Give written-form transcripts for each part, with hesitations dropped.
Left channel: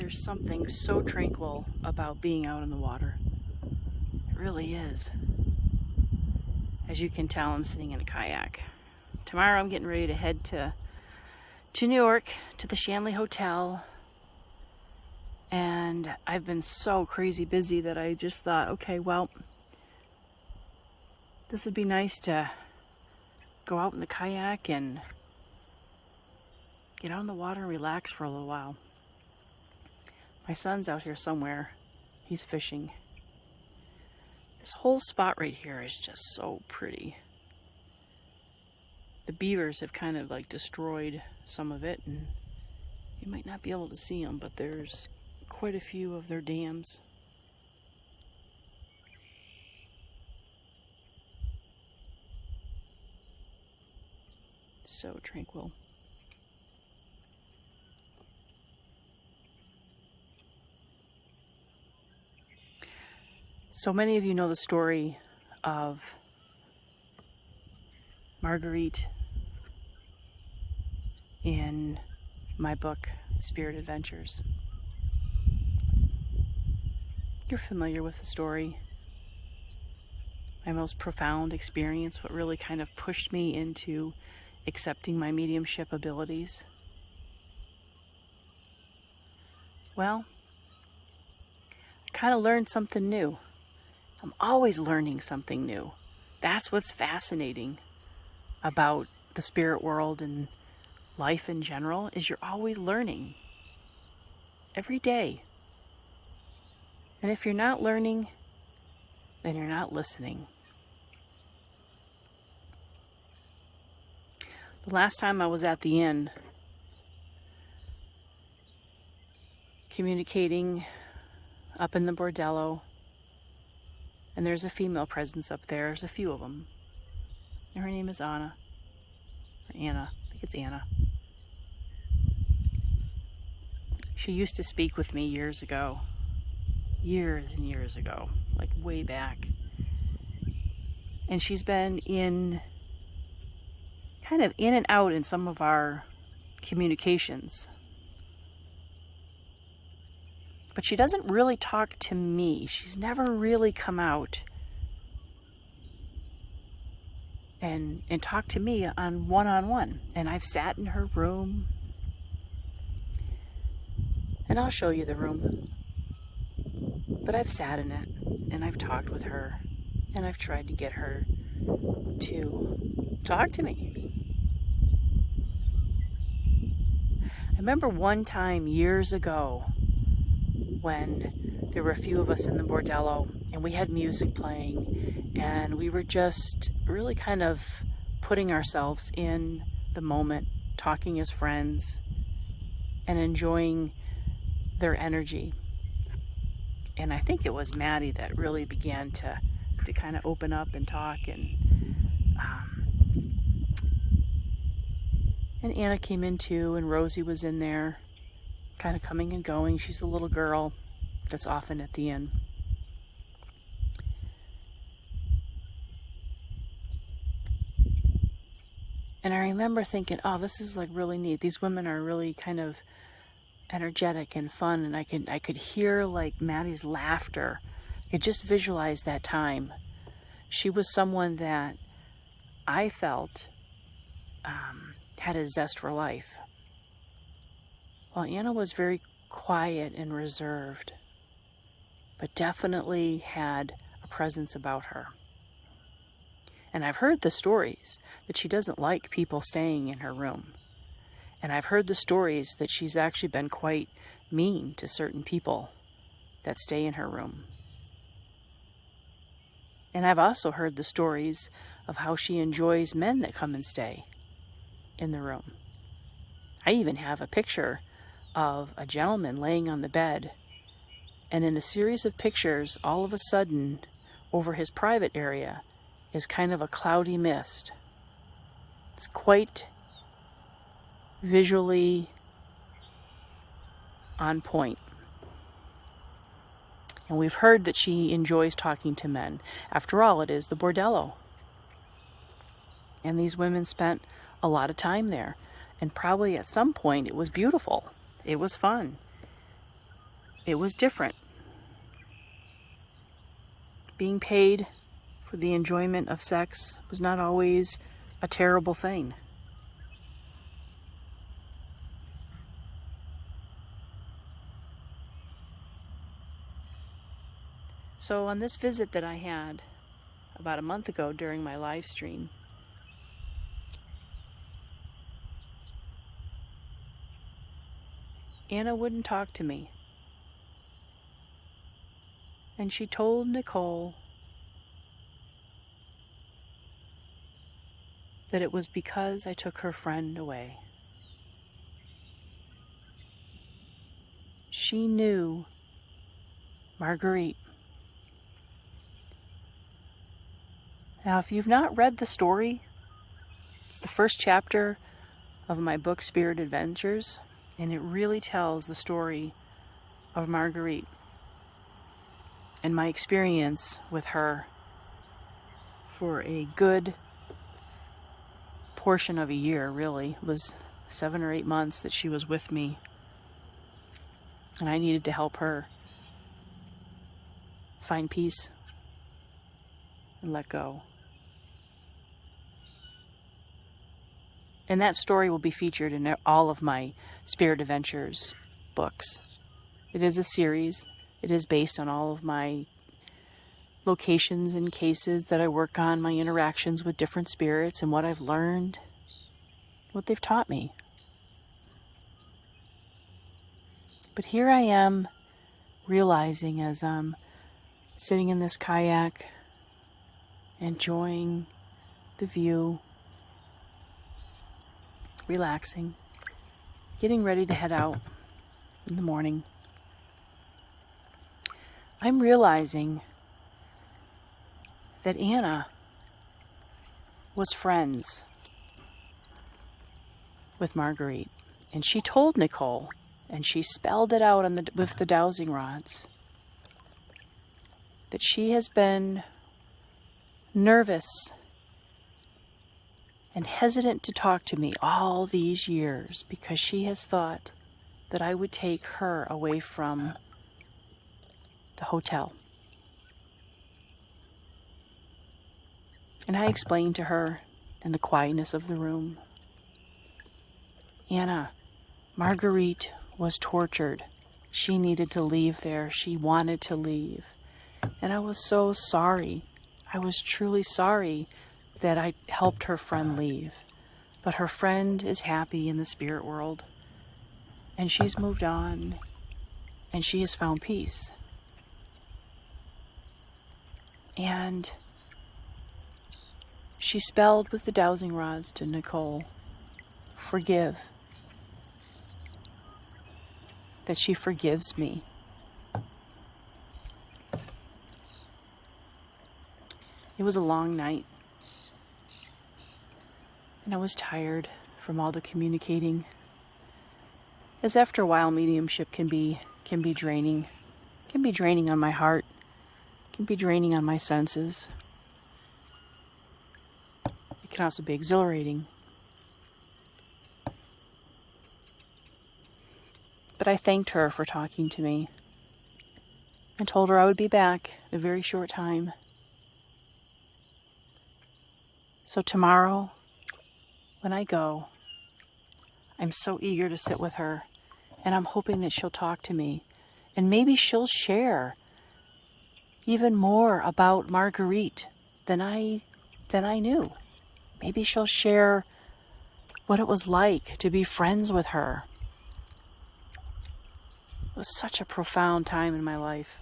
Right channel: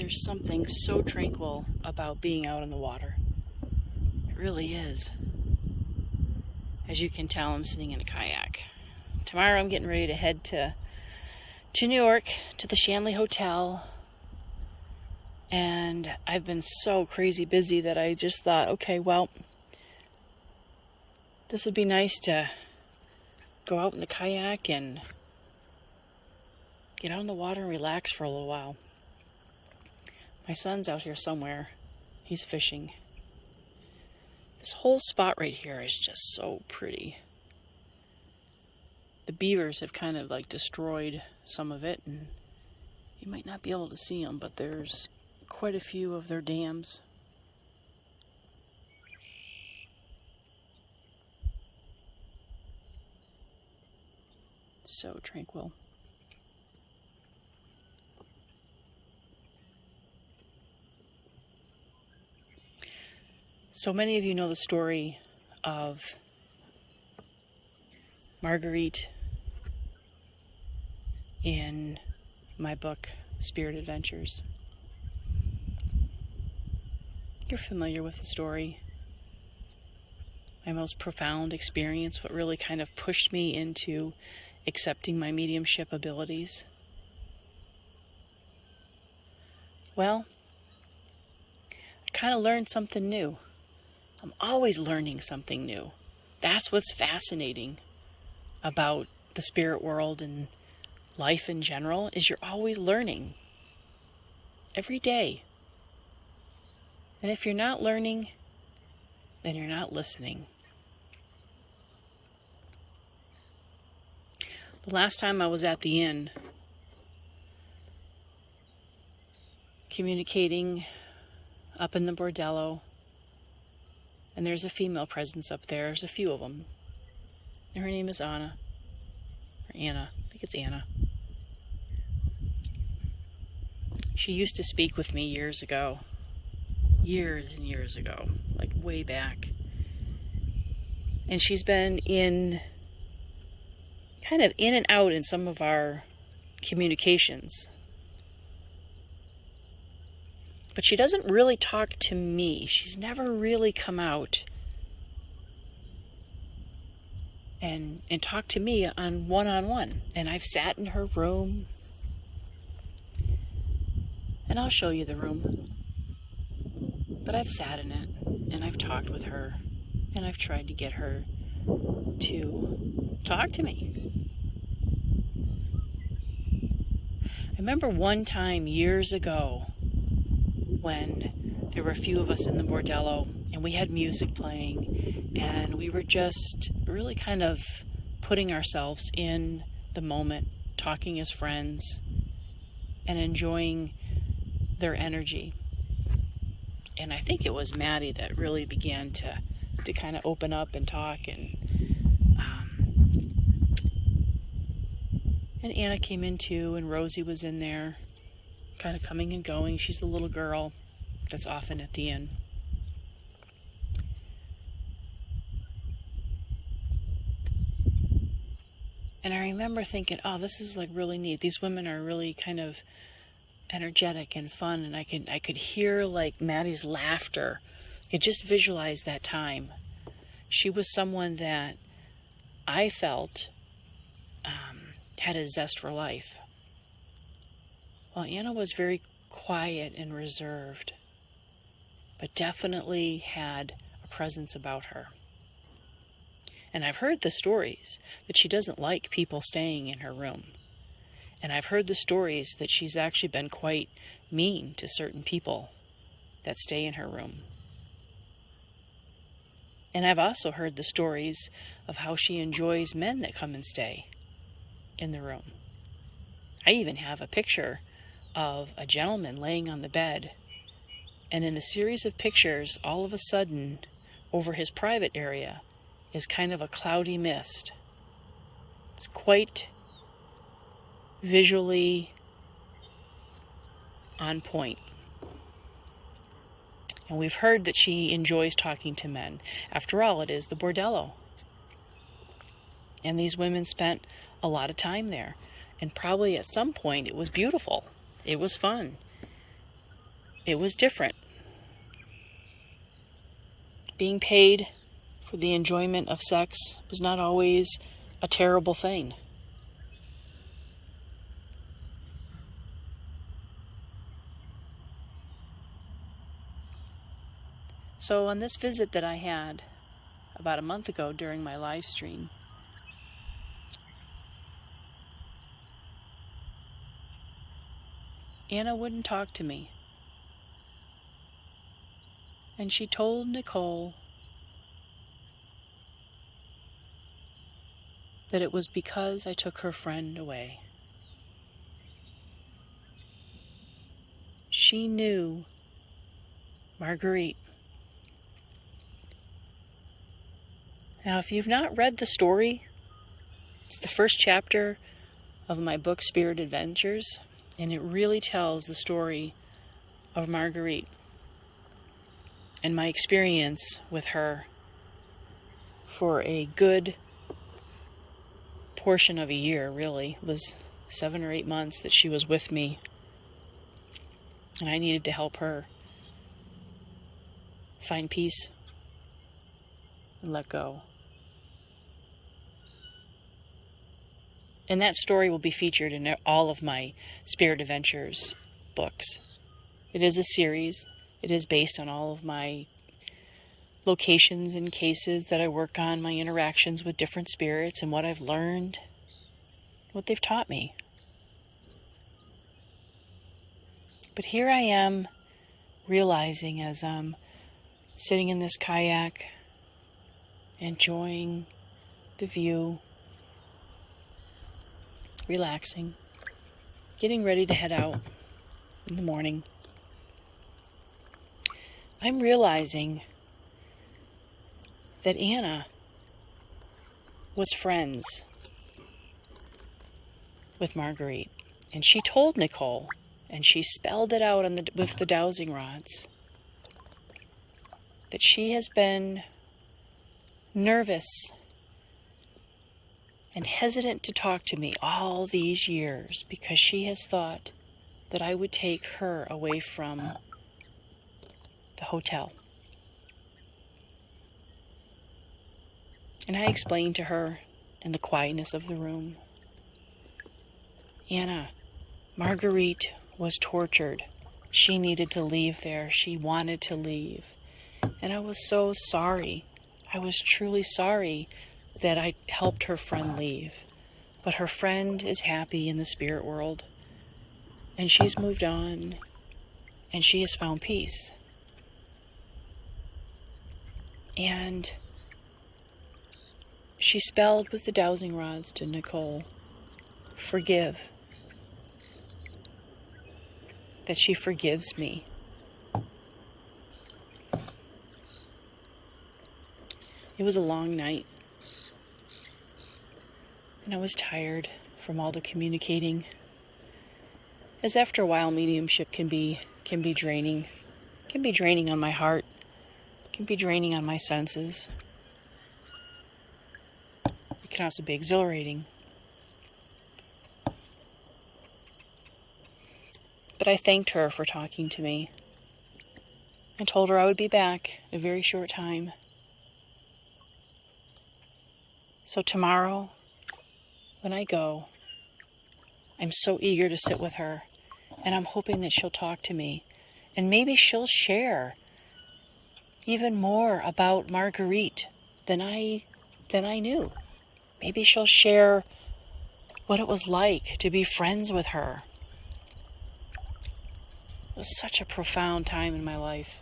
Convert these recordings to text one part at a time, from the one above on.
There's something so tranquil about being out in the water. It really is. As you can tell, I'm sitting in a kayak. Tomorrow I'm getting ready to head to New York, to the Shanley Hotel. And I've been so crazy busy that I just thought, okay, well, this would be nice to go out in the kayak and get out in the water and relax for a little while. My son's out here somewhere. He's fishing. This whole spot right here is just so pretty. The beavers have kind of like destroyed some of it, and you might not be able to see them, but there's quite a few of their dams. So tranquil. So many of you know the story of Marguerite in my book, Spirit Adventures. You're familiar with the story. My most profound experience, what really kind of pushed me into accepting my mediumship abilities. Well, I kind of learned something new. I'm always learning something new. That's what's fascinating about the spirit world and life in general, is you're always learning. Every day. And if you're not learning, then you're not listening. The last time I was at the inn, communicating up in the bordello, and there's a female presence up there. There's a few of them. And her name is Anna. Or Anna. I think it's Anna. She used to speak with me years ago. Years and years ago. Like way back. And she's been kind of in and out in some of our communications. But she doesn't really talk to me. She's never really come out and talked to me on one-on-one. And I've sat in her room. And I'll show you the room. But I've sat in it, and I've talked with her, and I've tried to get her to talk to me. I remember one time years ago, when there were a few of us in the bordello and we had music playing and we were just really kind of putting ourselves in the moment, talking as friends and enjoying their energy. And I think it was Maddie that really began to kind of open up and talk, and Anna came in too, and Rosie was in there kind of coming and going. She's the little girl that's often at the inn. And I remember thinking, oh, this is like really neat. These women are really kind of energetic and fun, and I could hear like Maddie's laughter. I could just visualize that time. She was someone that I felt had a zest for life. Well, Anna was very quiet and reserved, but definitely had a presence about her. And I've heard the stories that she doesn't like people staying in her room. And I've heard the stories that she's actually been quite mean to certain people that stay in her room. And I've also heard the stories of how she enjoys men that come and stay in the room. I even have a picture of a gentleman laying on the bed, and in a series of pictures, all of a sudden, over his private area is kind of a cloudy mist. It's quite visually on point. And we've heard that she enjoys talking to men. After all, it is the bordello. And these women spent a lot of time there. And probably at some point it was beautiful. It was fun. it was different. Being paid for the enjoyment of sex was not always a terrible thing. So on this visit that I had about a month ago during my live stream, Anna wouldn't talk to me. And she told Nicole that it was because I took her friend away. She knew Marguerite. Now, if you've not read the story, it's the first chapter of my book, Spirit Adventures, and it really tells the story of Marguerite and my experience with her for a good portion of a year, really. It was 7 or 8 months that she was with me, and I needed to help her find peace and let go. And that story will be featured in all of my Spirit Adventures books. It is a series. It is based on all of my locations and cases that I work on, my interactions with different spirits, and what I've learned, what they've taught me. But here I am realizing, as I'm sitting in this kayak, enjoying the view, relaxing, getting ready to head out in the morning, I'm realizing that Anna was friends with Marguerite. And she told Nicole, and she spelled it out with the dowsing rods, that she has been nervous and hesitant to talk to me all these years because she has thought that I would take her away from the hotel. And I explained to her in the quietness of the room, Anna, Marguerite was tortured. She needed to leave there. She wanted to leave. And I was so sorry. I was truly sorry that I helped her friend leave. But her friend is happy in the spirit world. And she's moved on. And she has found peace. And she spelled with the dowsing rods to Nicole, forgive. That she forgives me. It was a long night. And I was tired from all the communicating. As after a while, mediumship can be draining. It can be draining on my heart. It can be draining on my senses. It can also be exhilarating. But I thanked her for talking to me and told her I would be back in a very short time. So tomorrow, when I go, I'm so eager to sit with her, and I'm hoping that she'll talk to me, and maybe she'll share even more about Marguerite than I knew. Maybe she'll share what it was like to be friends with her. It was such a profound time in my life.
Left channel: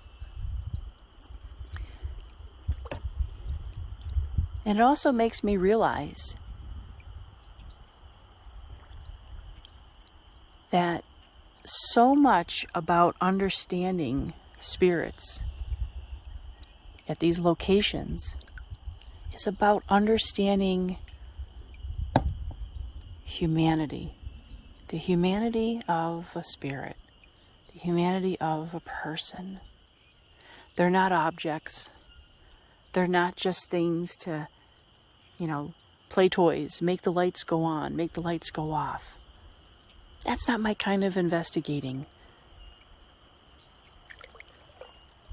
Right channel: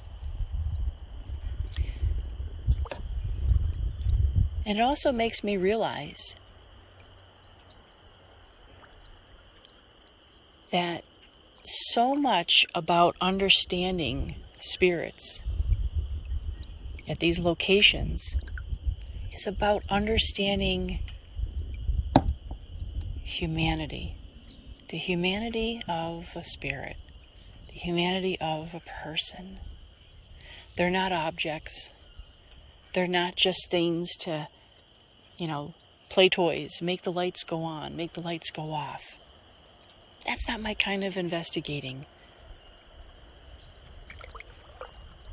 And it also makes me realize that so much about understanding spirits at these locations is about understanding humanity, the humanity of a spirit, the humanity of a person. They're not objects. They're not just things to, play toys, make the lights go on, make the lights go off. That's not my kind of investigating.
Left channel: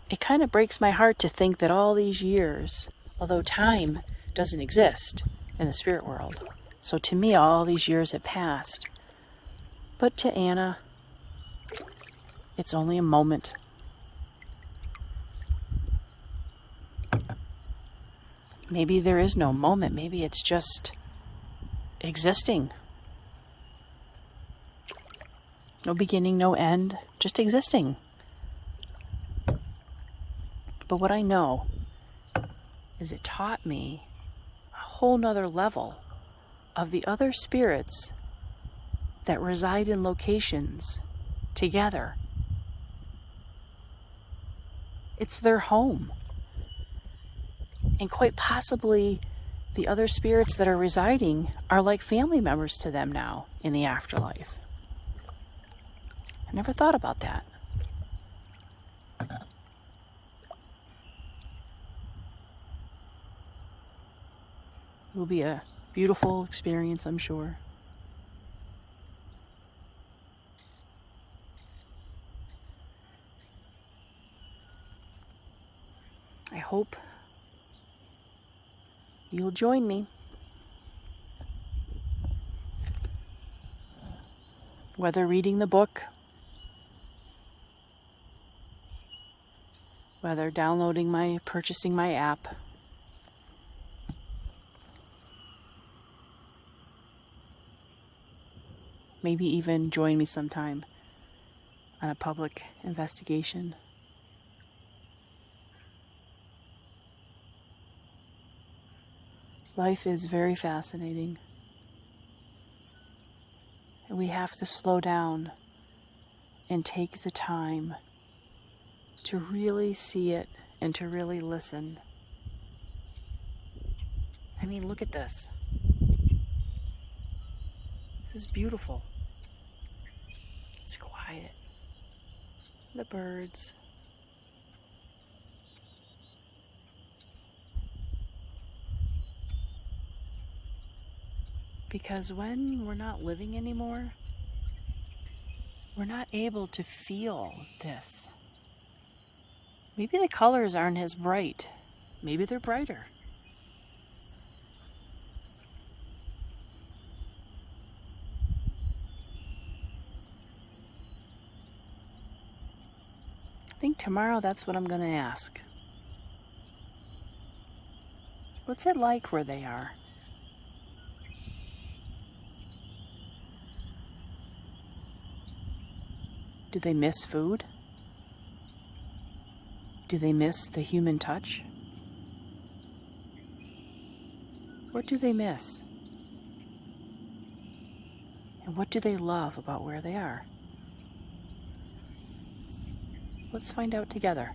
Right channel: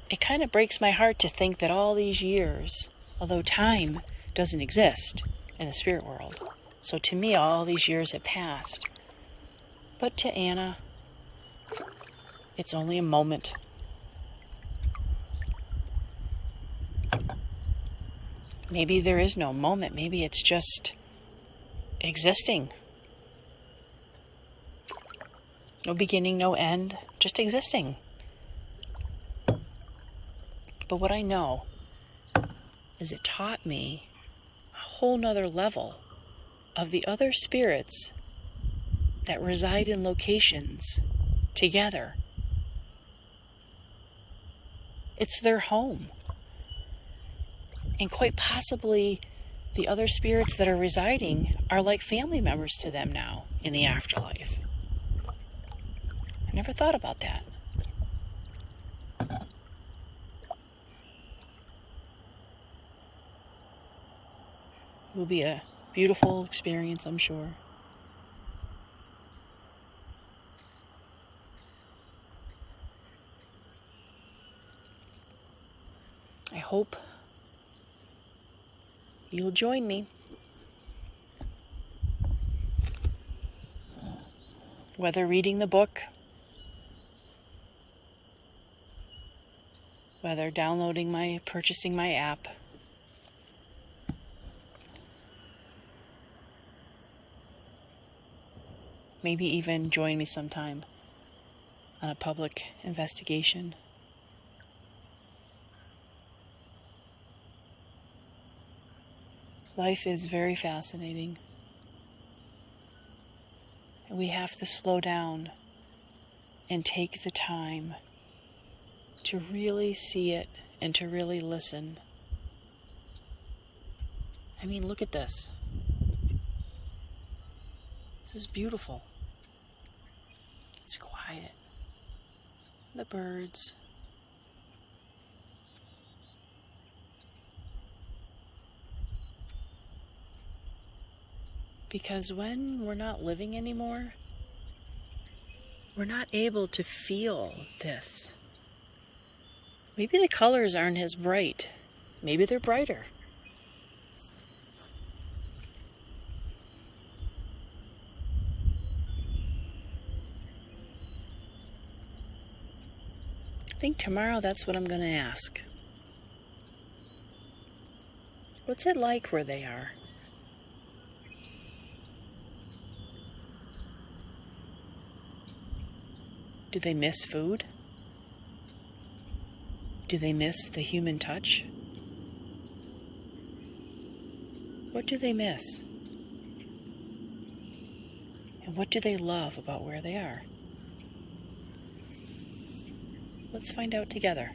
it kind of breaks my heart to think that all these years, although time doesn't exist in the spirit world, so to me all these years have passed. But to Anna, it's only a moment. Maybe there is no moment. Maybe it's just existing. No beginning, no end, just existing. But what I know is it taught me a whole nother level of the other spirits that reside in locations together. It's their home. And quite possibly the other spirits that are residing are like family members to them now in the afterlife. I never thought about that. It will be a beautiful experience, I'm sure. I hope you'll join me. Whether reading the book, whether purchasing my app, maybe even join me sometime on a public investigation. Life is very fascinating, and we have to slow down and take the time to really see it and to really listen. I mean, look at this. This is beautiful. It's quiet. The birds. Because when we're not living anymore, we're not able to feel this. Maybe the colors aren't as bright. Maybe they're brighter. I think tomorrow that's what I'm going to ask. What's it like where they are? Do they miss food? Do they miss the human touch? What do they miss? And what do they love about where they are? Let's find out together.